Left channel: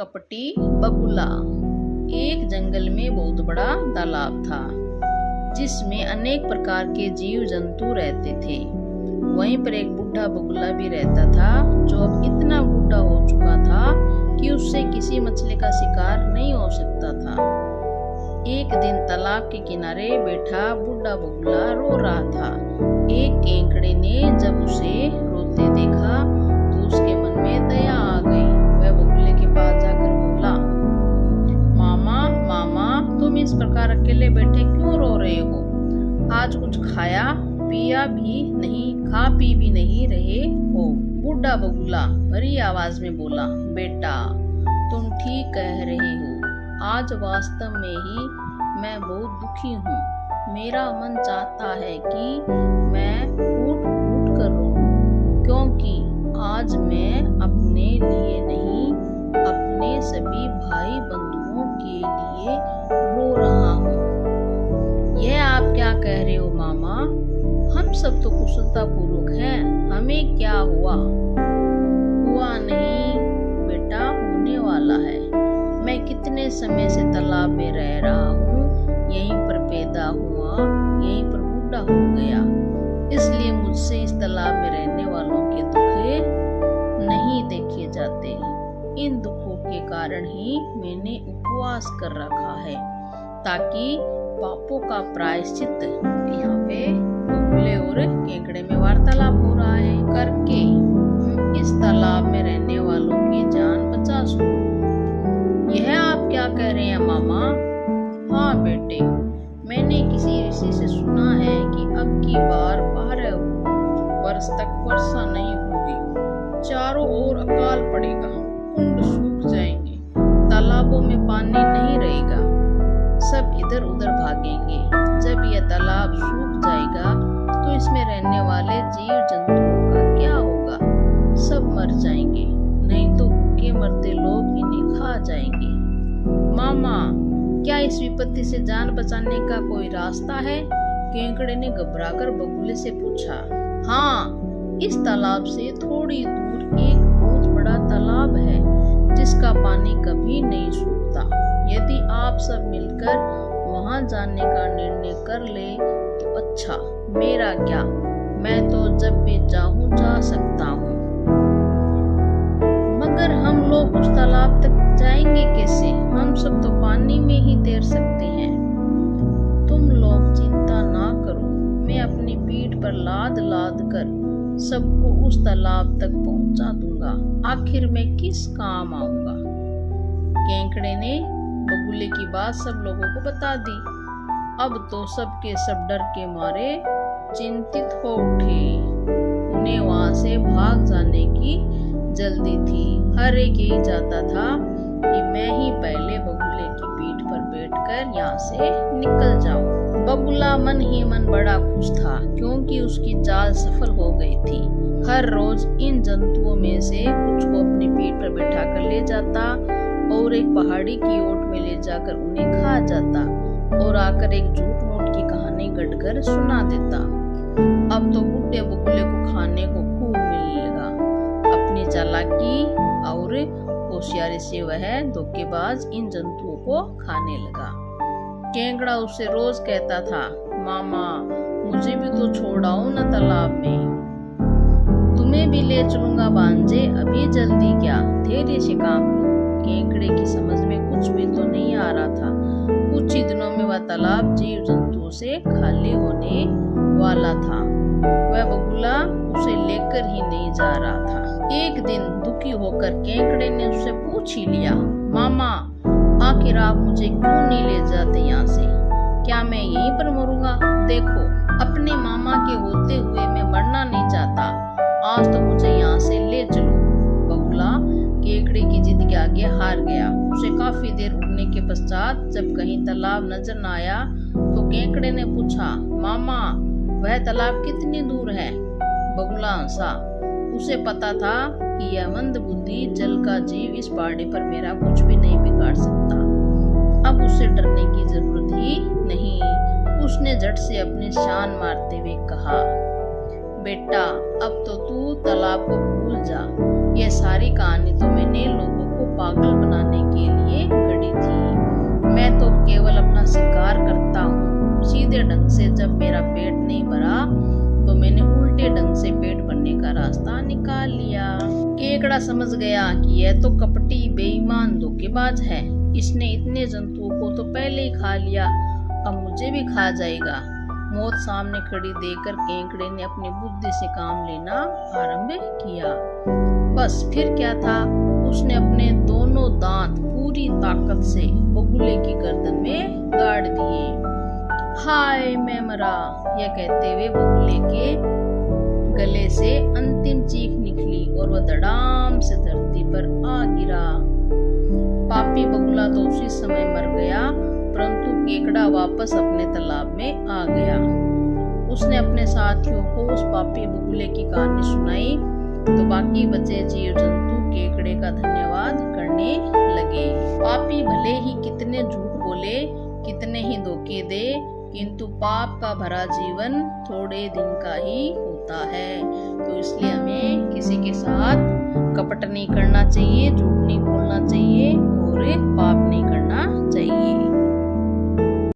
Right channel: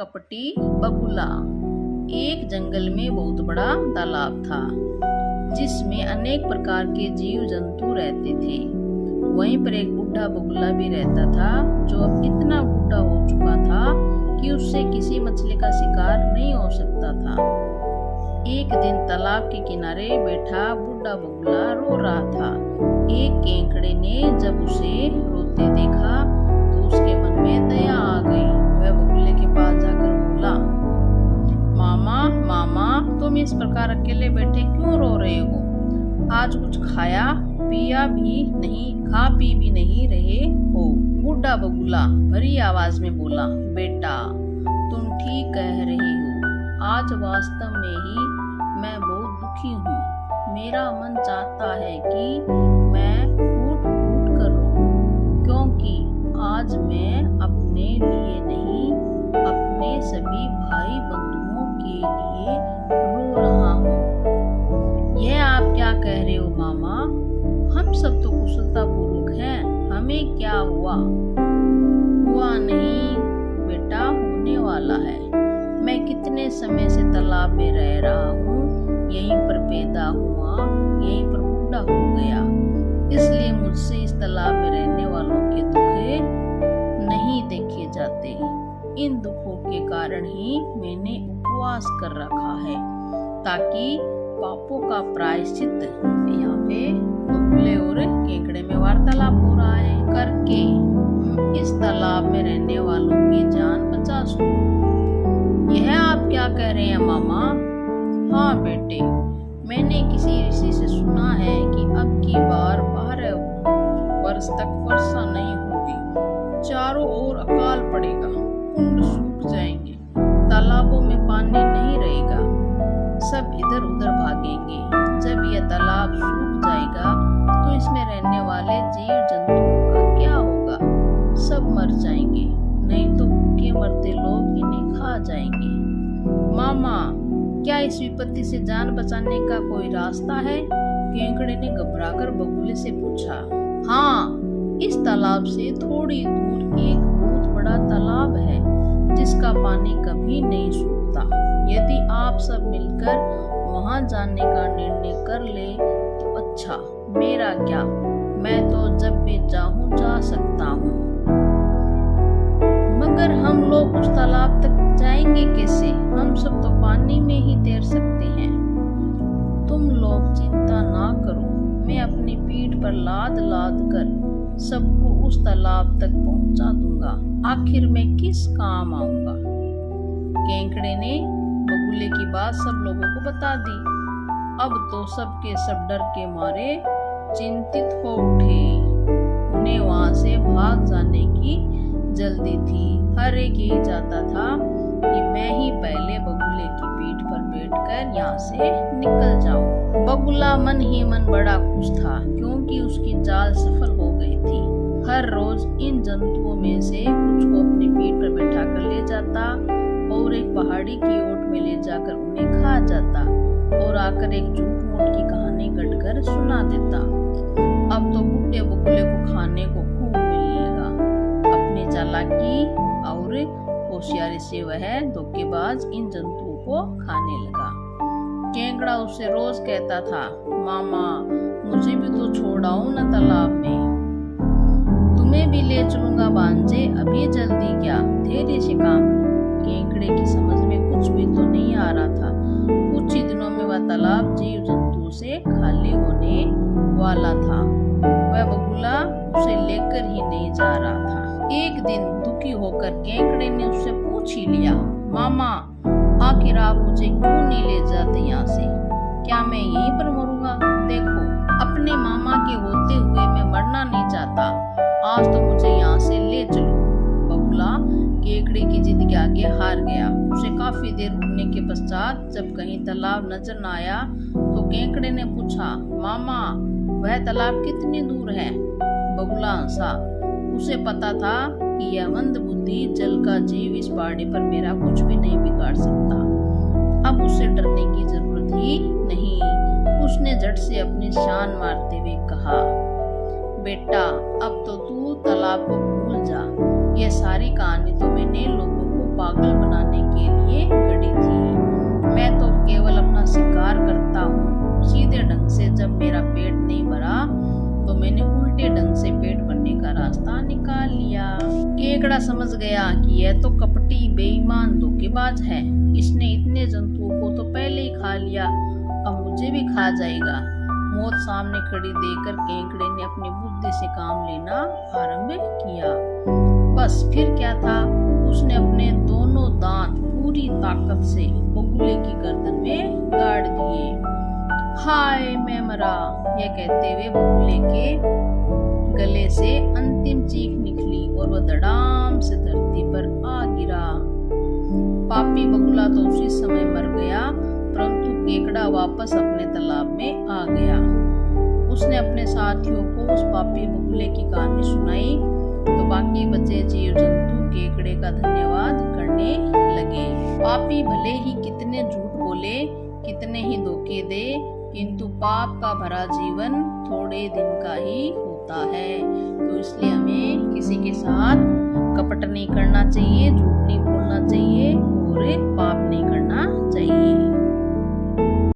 कपटी बगुला। एक जंगल में बहुत बड़ा तालाब था जिसमें अनेक प्रकार के जीव जंतु रहते थे। वहीं पर एक बूढ़ा बगुला भी रहता था जो अब इतना बूढ़ा हो चुका था कि उससे किसी मछली का शिकार नहीं हो सकता था। एक दिन तालाब के किनारे बैठा बूढ़ा बगुला रो रहा था। एक केकड़े ने जब उसे रोते देखा तो उसके मन में दया आ गई। वह बगुले के पास जाकर बोला, मामा मामा, तुम इस प्रकार अकेले बैठे क्यों रो रहे हो? आज कुछ खाया पिया भी नहीं, खा पी भी नहीं रहे हो। बूढ़ा बगुला भरी आवाज में बोला, बेटा तुम ठीक कह रहे हो। आज वास्तव में ही मैं बहुत दुखी हूँ। मेरा मन चाहता है कि मैं फूट फूट कर रोऊं, क्योंकि आज मैं अपने लिए नहीं, अपने सभी भाई बंधुओं के लिए रो रहा हूँ। यह आप क्या कह रहे हो मामा? हम सब तो कुशलता पूर्वक हैं, हमें क्या हुआ? हुआ नहीं बेटा, होने वाला है। मैं कितने समय से तालाब में रह रहा हूँ, यहीं पर पैदा हुआ, यहीं पर बूढ़ा हो गया। इसलिए मुझसे इस तालाब में रहने वालों के दुख नहीं देखे जाते। इन दुखों के कारण ही मैंने उपवास कर रखा है ताकि पापों का प्रायश्चित, यहाँ पे बगुले और केकड़े में वार्तालाप हो रहा है, करके इस तालाब में रहने वालों की जान बचा सकूं। यह आप क्या कह रहे हैं मामा? हाँ बेटे, मैंने किसी ऋषि से सुना है कि अब की बार 12 वर्ष तक वर्षा नहीं होगी, चारों ओर अकाल पड़ेगा, कुंड सूख जाएंगे, तालाबों में पानी नहीं रहेगा, सब इधर उधर भागेंगे। जब यह तालाब सूख जाएगा तो इसमें रहने वाले जीव जंतुओं का क्या होगा? सब मर जाएंगे, नहीं तो भूखे मरते लोग इन्हें खा जाएंगे। मामा, क्या इस विपत्ति से जान बचाने का कोई रास्ता है? केकड़े ने घबराकर बगुले से पूछा। हाँ, इस तालाब से थोड़ी दूर एक बहुत बड़ा तालाब है जिसका पानी कभी नहीं सूखता। यदि आप सब मिलकर वहां जाने का निर्णय कर ले तो अच्छा, मेरा क्या, मैं तो जब भी चाहूं जा सकता हूँ। मगर हम लोग उस तालाब तक जाएंगे कैसे? हम सब तो पानी में ही तैर सकते हैं। तुम लोग चिंता ना करो, मैं अपनी पीठ पर लाद लाद कर सबको उस तालाब तक पहुंचा दूंगा। आखिर मैं किस काम आऊंगा? केकड़े ने बगुले की बात सब लोगों को बता दी। अब तो सबके सब डर के मारे चिंतित हो उठे। उन्हें वहां से भाग जाने की जल्दी थी। हर एक यही चाहता था कि मैं ही पहले बगुले की पीठ पर बैठकर यहाँ से निकल जाऊं। बगुला मन ही मन बड़ा खुश था क्योंकि उसकी चाल सफल हो गई थी। हर रोज इन जंतुओं में से कुछ को अपनी पीठ पर बैठा कर ले जाता और एक पहाड़ी की ओट में ले जाकर उन्हें खा जाता और आकर एक झूठ मूठ की कहानी गढ़कर सुना देता। अब तो बूढ़े बगुले को खाने को खूब मिलने लगा। अपनी चालाकी और होशियारी से वह धोखेबाज इन जंतुओं को खाने लगा। केकड़ा उससे रोज कहता था, मामा मुझे भी तो छोड़ाओ न तालाब में। तुम्हें भी ले चलूंगा भांजे, अभी जल्दी क्या, धैर्य से काम लो। केकड़े की समझ में कुछ भी तो नहीं आ रहा था। कुछ ही दिनों में वह तालाब जीव जंतुओं से खाली होने वाला था। वह बगुला उसे लेकर ही नहीं जा रहा था। एक दिन दुखी होकर केकड़े ने उससे पूछ ही लिया, मामा आखिर आप मुझे क्यों नहीं ले जाते यहाँ से? क्या मैं यहीं पर मरूंगा? देखो, अपने मामा के होते हुए मैं मरना नहीं चाहता। आज तो मुझे यहाँ से ले चलो। बगुला केकड़े की जिद के आगे हार गया। उसे काफी देर उड़ने के पश्चात जब कहीं तालाब नजर न आया तो केकड़े ने पूछा, मामा वह तालाब कितनी दूर है? बगुला हंसा। उसे पता था कि यह मंद बुद्धि जल का जीव इस पहाड़ी पर मेरा कुछ भी नहीं बिगाड़ सकता। अब उसे डरने की जरूरत ही नहीं। उसने झट से अपनी शान मारते हुए कहा, बेटा अब तो तू तालाब को भूल जा। यह सारी कहानी तो मैंने लोगों को पागल बनाने के लिए गढ़ी थी। मैं तो केवल अपना शिकार करता हूँ। सीधे ढंग से जब मेरा पेट नहीं भरा तो मैंने उल्टे ढंग से पेट भरने का रास्ता निकाल लिया। केकड़ा समझ गया कि यह तो कपटी, बेईमान, धोखेबाज है। इसने इतने जंतुओं को तो पहले ही खा लिया, अब मुझे भी खा जाएगा। मौत सामने खड़ी देखकर केकड़े ने अपनी बुद्धि से काम लेना आरंभ किया। बस फिर क्या था, उसने अपने दोनों दांत पूरी ताकत से बगुले की गर्दन में गाड़ दिए। हाय मैं मरा, यह कहते हुए बगुले के गले से अंतिम चीख निकली और वह धड़ाम से धरती पर आ गिरा। पापी बगुला तो उसी समय मर गया, परंतु केकड़ा वापस अपने तालाब में आ गया। उसने अपने साथियों को उस पापी बगुले की कहानी सुनाई तो बाकी बचे जीव जंतु केकड़े का धन्यवाद करने लगे। पापी भले ही कितने झूठ बोले, कितने ही धोखे दे, किंतु पाप का भरा जीवन थोड़े दिन का ही होता है। तो इसलिए हमें किसी के साथ कपट नहीं करना चाहिए, झूठ